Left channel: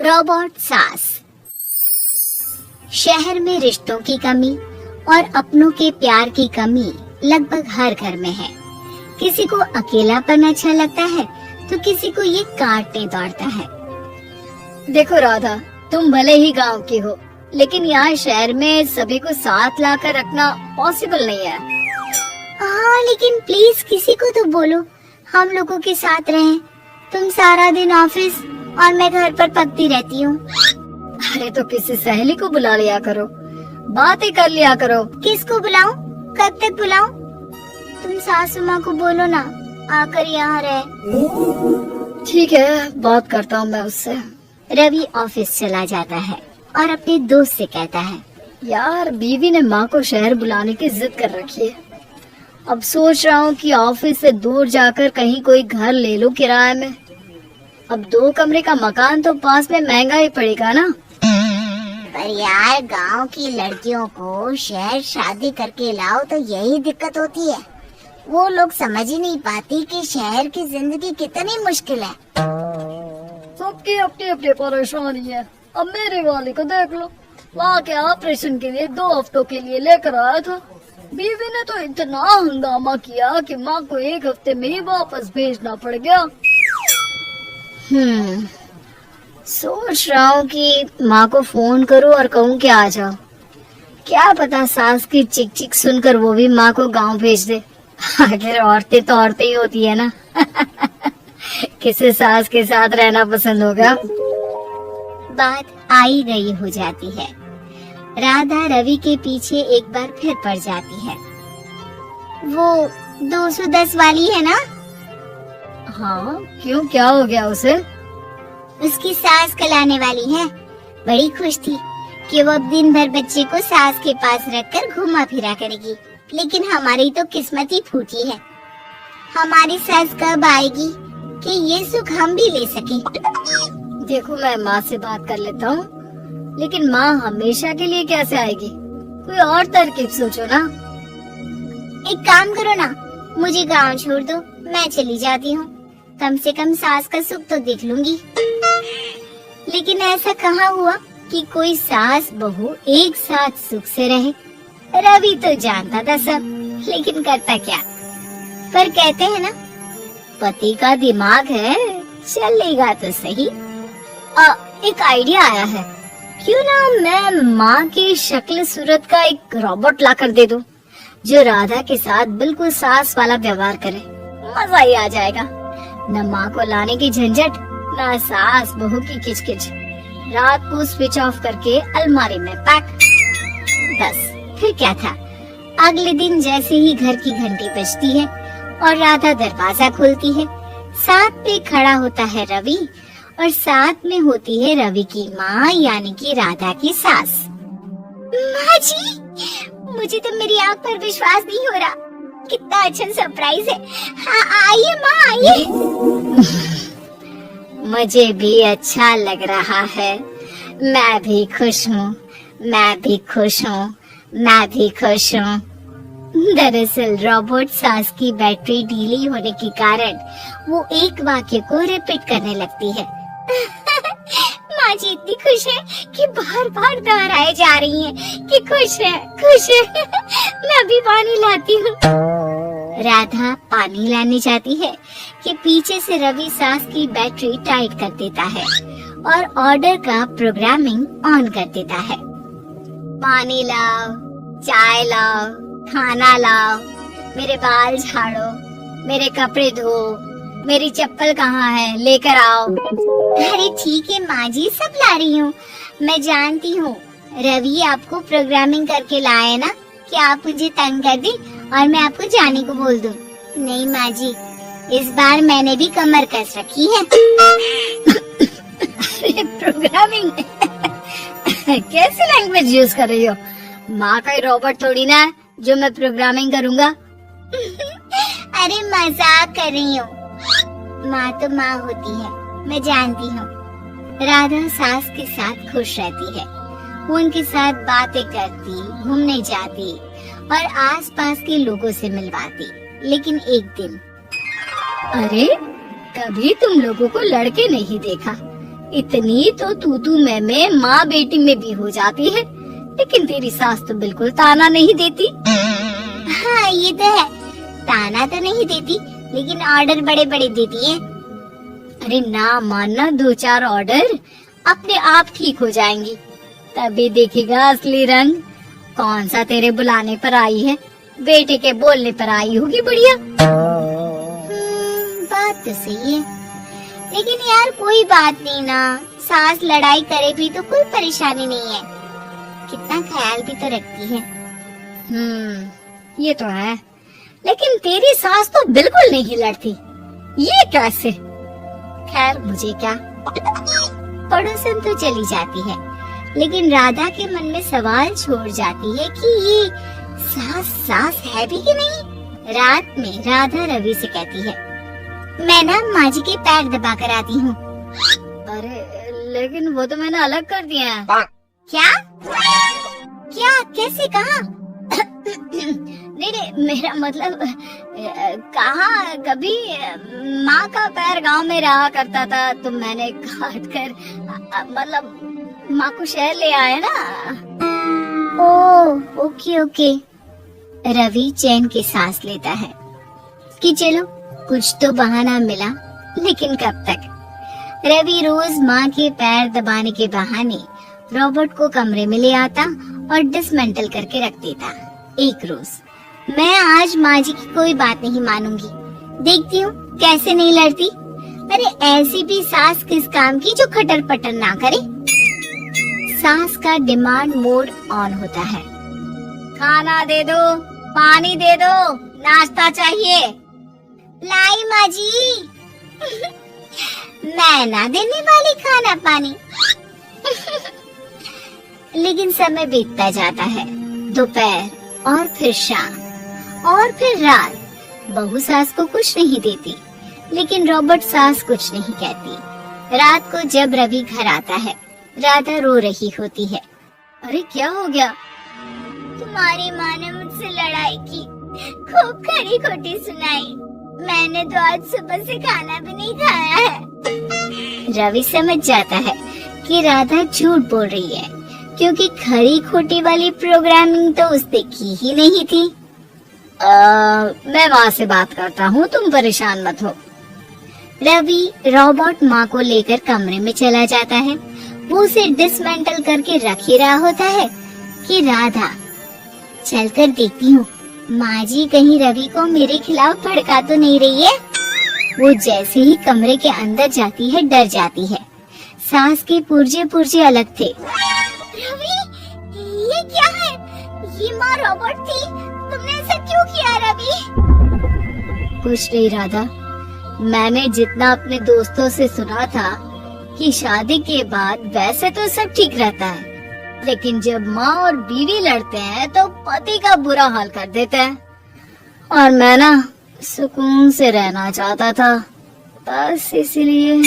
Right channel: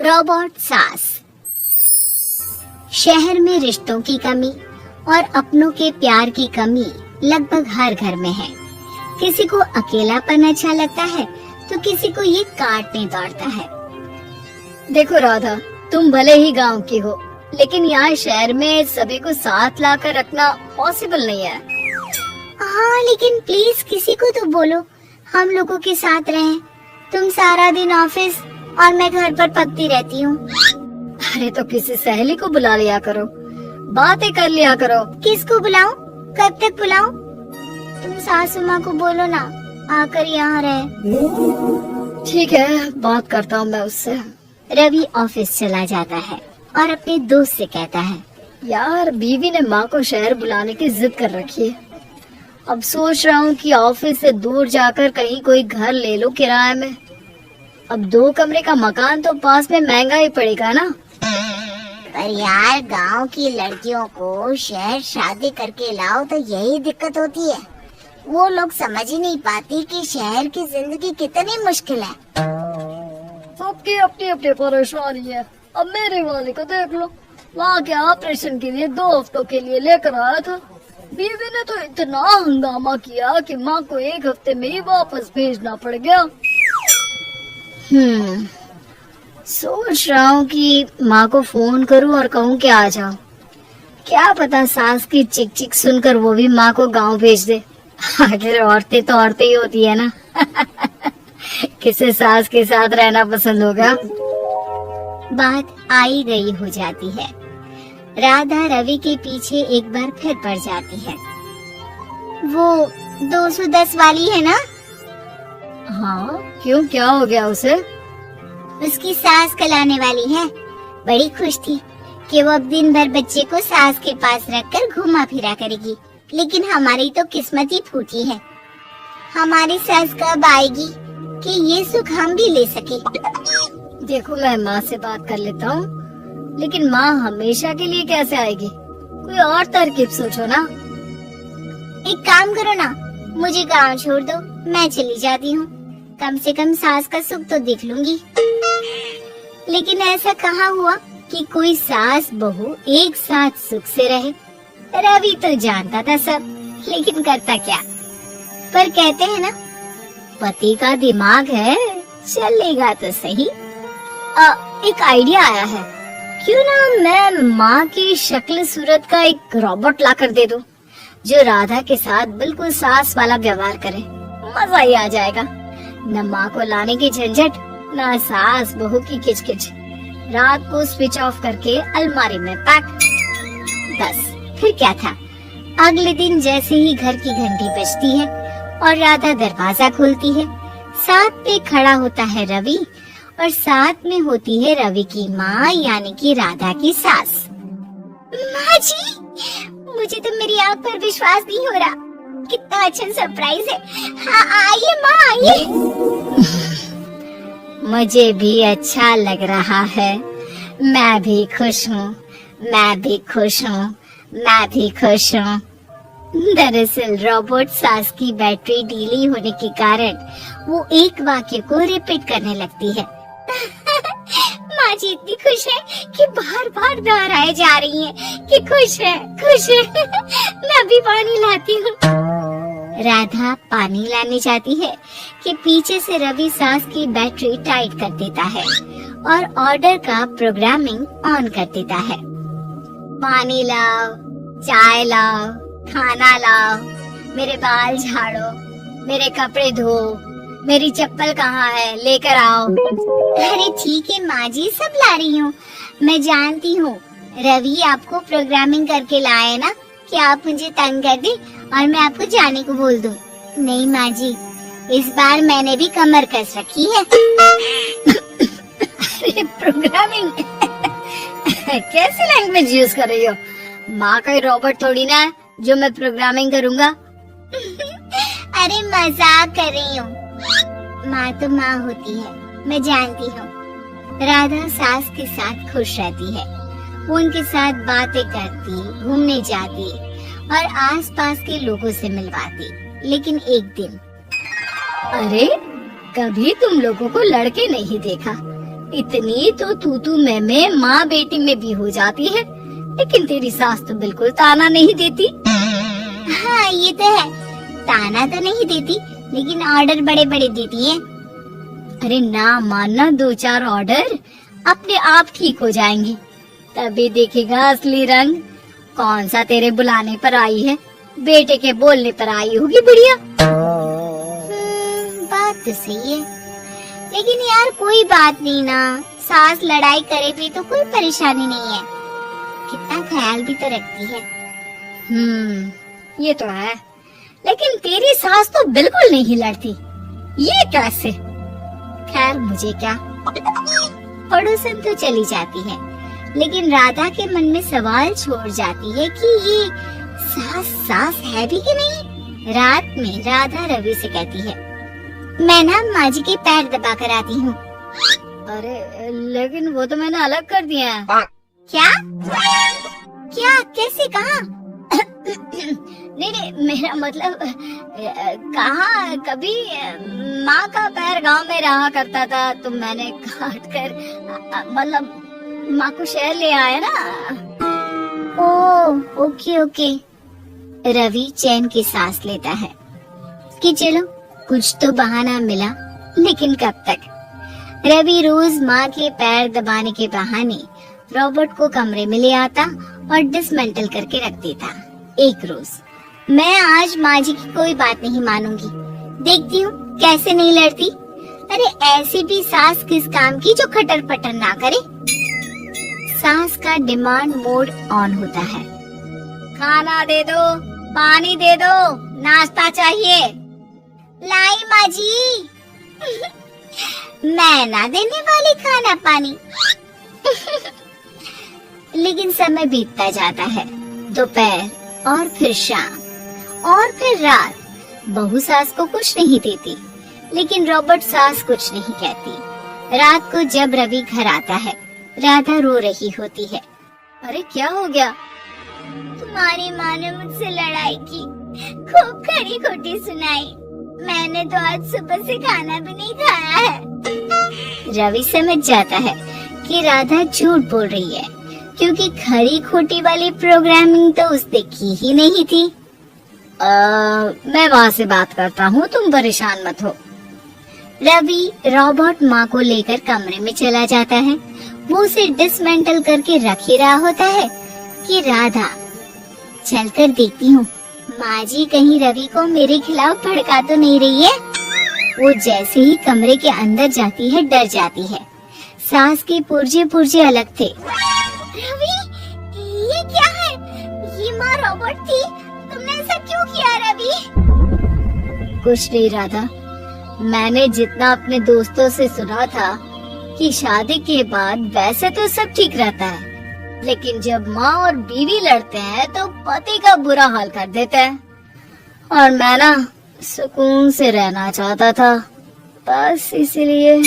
Robot सास। शहर में रिश्तों की कमी और अपनों के प्यार की कमी लगभग हर घर में है। किसी को अकेलापन अच्छा लगता है तो किसी को ये काटने दौड़ता है। देखो राधा, तुम भले ही गांव की हो, लेकिन यहाँ शहर में सभी को साथ लाकर रखना पॉसिबल नहीं है। हाँ, लेकिन प्लीज किसी को तो बोलो हम लोगों के साथ रहें। तुम सारा दिन ऑफिस और मैं घर पर पकती रहती हूँ। अरे तो किसी सहेली को बुला लिया करो, बातें कर लिया करो। किसको बुलाऊं? कब तक बुलाऊं? तुम सासू माँ को बोलो ना आकर यहाँ रहे। ठीक है, बात करता हूँ मैं उससे। रवि ऑफिस चला जाता है और अपने दोस्त से कहता है, यार बीवी ने माँ को शहर बुलाने की जिद कर रखी है। अब सोच रहा हूँ कि ऑफिस से दूर जाकर कहीं कोई घर ले लो किराए में। अब 2 कमरे का मकान तो पास में महंगा ही पड़ेगा ना। पर यार गांव की लड़कियों को शहर शादी करके लाओ तो यही दिक्कत होती है। वो लोग समझ ही नहीं पाती कि शहर की जिंदगी कितनी मुश्किल है। सबकी अपनी अपनी परेशानी है। अब मेरे वाले को देख लो, वहाँ के ऑपरेशन के लिए 2 हफ्तों के लिए लेकर आया था। बीवी ने तो इतना हंगामा किया कि माँ को 1 हफ्ते में ही वापस भेजना पड़ गया। सोच रहा हूँ कि माँ को फोन करूँ और कहूँ कि आ जाओ। क्या पता सास की चिक चिक सुनकर वो भी माँ को गांव भेज दे। आखिर औरतें तो औरतें ही होती है ना। किसे सास के साथ रहना पसंद होगा। बात आई गई हो जाती है। राधा रवि के पीछे एक बार फिर पड़ जाती है। वो 210 वाली है ना? हाँ, क्यों, क्या हो गया उसे? उसकी सास कल आने वाली है। बड़ी खुश थी कि वो अब दिन भर बच्चे को सास के पास रखकर घुमा फिरा करेगी। लेकिन हमारी तो किस्मत ही फूटी है। हमारी सास कब आएगी कि ये सुख हम भी ले सके। देखो, मैं माँ से बात कर लेता हूँ, लेकिन माँ हमेशा के लिए कैसे आएगी? कोई और तरकीब सोचो ना। एक काम करो ना, मुझे गांव छोड़ दो, मैं चली जाती हूँ। कम से कम सास का सुख तो देख लूंगी। लेकिन ऐसा कहाँ हुआ कि कोई सास बहू एक साथ सुख से रहे। रवि तो जानता था सब, लेकिन करता क्या। पर कहते हैं ना, पति का दिमाग है, चलेगा तो सही। एक आइडिया आया है। क्यों ना मैं माँ की शक्ल सूरत का एक रोबोट लाकर दे दूं, जो राधा के साथ बिल्कुल सास वाला व्यवहार करे। मजा ही आ जाएगा। न माँ को लाने की झंझट, न सास बहू की किचकिच। रात को स्विच ऑफ करके अलमारी में पैक। बस फिर क्या था। अगले दिन जैसे ही घर की घंटी बजती है और राधा दरवाजा खोलती है, साथ में खड़ा होता है रवि और साथ में होती है रवि की माँ यानी कि राधा की सास। माँ जी, मुझे तो मेरी आँख पर विश्वास नहीं हो रहा। कितना अच्छा सरप्राइज है। हाँ, आइए माँ, आइए। मुझे भी अच्छा लग रहा है। मैं भी खुश हूँ, मैं भी खुश हूँ, मैं भी खुश हूँ। दरअसल रोबोट सास की बैटरी ढीली होने के कारण वो एक वाक्य को रिपीट करने लगती है। माँ जी इतनी खुश है कि बार बार दोहराए जा रही हैं कि खुश है, खुश है। मैं भी पानी लाती हूँ। राधा पानी लाने जाती है कि पीछे से रवि सास की बैटरी टाइट कर देता है और ऑर्डर का प्रोग्रामिंग ऑन कर देता है। पानी लाओ, चाय लाओ, खाना लाओ, मेरे बाल झाड़ो, मेरे कपड़े धो, मेरी चप्पल कहाँ है, लेकर आओ। अरे ठीक है माँ जी, सब ला रही हूँ। मैं जानती हूँ रवि आपको प्रोग्रामिंग करके लाए ना कि आप मुझे तंग कर दी और मैं आपको जाने को बोल दूँ। नहीं माँ जी, इस बार मैंने भी कमर कस रखी है। प्रोग्रामिंग कैसी लैंग्वेज यूज कर रही हो? माँ का ही रोबोट थोड़ी ना है जो मैं प्रोग्रामिंग करूँगा। अरे मजाक कर रही हूँ। माँ तो माँ होती है, मैं जानती हूँ। राधा सास के साथ खुश रहती है। वो उनके साथ बातें करती, घूमने जाती और आसपास के लोगों से मिलवाती। लेकिन एक दिन, अरे कभी तुम लोगों को लड़के नहीं देखा, इतनी तो तू मैं माँ बेटी में भी हो जाती है, लेकिन तेरी सास तो बिल्कुल ताना नहीं देती। हाँ ये तो है, ताना तो नहीं देती लेकिन ऑर्डर बड़े बड़े देती है। अरे ना मानना, 2-4 ऑर्डर अपने आप ठीक हो जाएंगी, तभी देखेगा असली रंग। कौन सा तेरे बुलाने पर आई है, बेटे के बोलने पर आई होगी बुढ़िया। बात तो सही है, लेकिन यार कोई बात नहीं ना, सास लड़ाई करे भी तो कोई परेशानी नहीं है, कितना ख्याल भी तो रखती है। ये तो है, लेकिन तेरी सास तो बिल्कुल नहीं लड़ती, ये कैसे? खैर मुझे क्या, पड़ोसन तो चली जाती है, लेकिन राधा के मन में सवाल छोड़ जाती है कि ये सास है भी कि नहीं। रात में राधा रवि से कहती है, मैं ना माँ जी के पैर दबा कर आती हूँ। अरे लेकिन वो तो मैंने अलग कर दिया है। क्या क्या कैसे कहा? नहीं, मेरा मतलब कहा, कभी माँ का पैर गांव में रहा करता था तो मैंने काट कर मतलब माँ को शहर ले आए ना। Oh okay. रवि चैन की सांस लेता है कि चलो कुछ तो बहाना मिला, लेकिन कब तक? रवि रोज माँ के पैर दबाने के बहाने रॉबर्ट को कमरे में ले आता और डिसमेंटल करके रख देता। एक रोज, मैं आज माँ जी की कोई बात नहीं मानूंगी, देखती हूँ कैसे नहीं लड़ती। अरे ऐसी भी सास किस काम की जो खटर पटर ना करे। सास का डिमांड मोड ऑन होता है। खाना दे दो, पानी दे दो, नाश्ता चाहिए। लाई माँ जी। मैं ना देने वाली खाना पानी। लेकिन समय बीतता जाता है, दोपहर और फिर शाम और फिर रात। बहू सास को कुछ नहीं देती, लेकिन रॉबर्ट सास कुछ नहीं कहती। रात को जब रवि घर आता है, राधा रो रही होती है। अरे क्या हो गया? तुम्हारी माँ ने मुझसे लड़ाई की, खूब खरी खोटी सुनाई, मैंने तो आज सुबह से खाना भी नहीं खाया है। रवि समझ जाता है कि राधा झूठ बोल रही है, क्योंकि खरी खोटी वाली प्रोग्रामिंग तो उसने की ही नहीं थी। मैं वहाँ से बात करता हूँ, तुम परेशान मत हो। रवि रॉबर्ट माँ को लेकर कमरे में चला जाता है। वो उसे डिसमेंटल करके रख ही रहा होता है कि राधा, चलकर देखती हूँ माँ जी कहीं रवि को मेरे खिलाफ भड़का तो नहीं रही है। वो जैसे ही कमरे के अंदर जाती है, डर जाती है। सास के पुर्जे अलग थे। रवि, ये क्या है? ये माँ रॉबर्ट थी, तुमने ऐसा क्यों किया रवि? कुछ नहीं राधा, मैंने जितना अपने दोस्तों से सुना था कि शादी के बाद वैसे तो सब ठीक रहता है, लेकिन जब माँ और बीवी लड़ते हैं तो पति का बुरा हाल कर देते हैं। और मैं ना सुकून से रहना चाहता था, बस इसीलिए।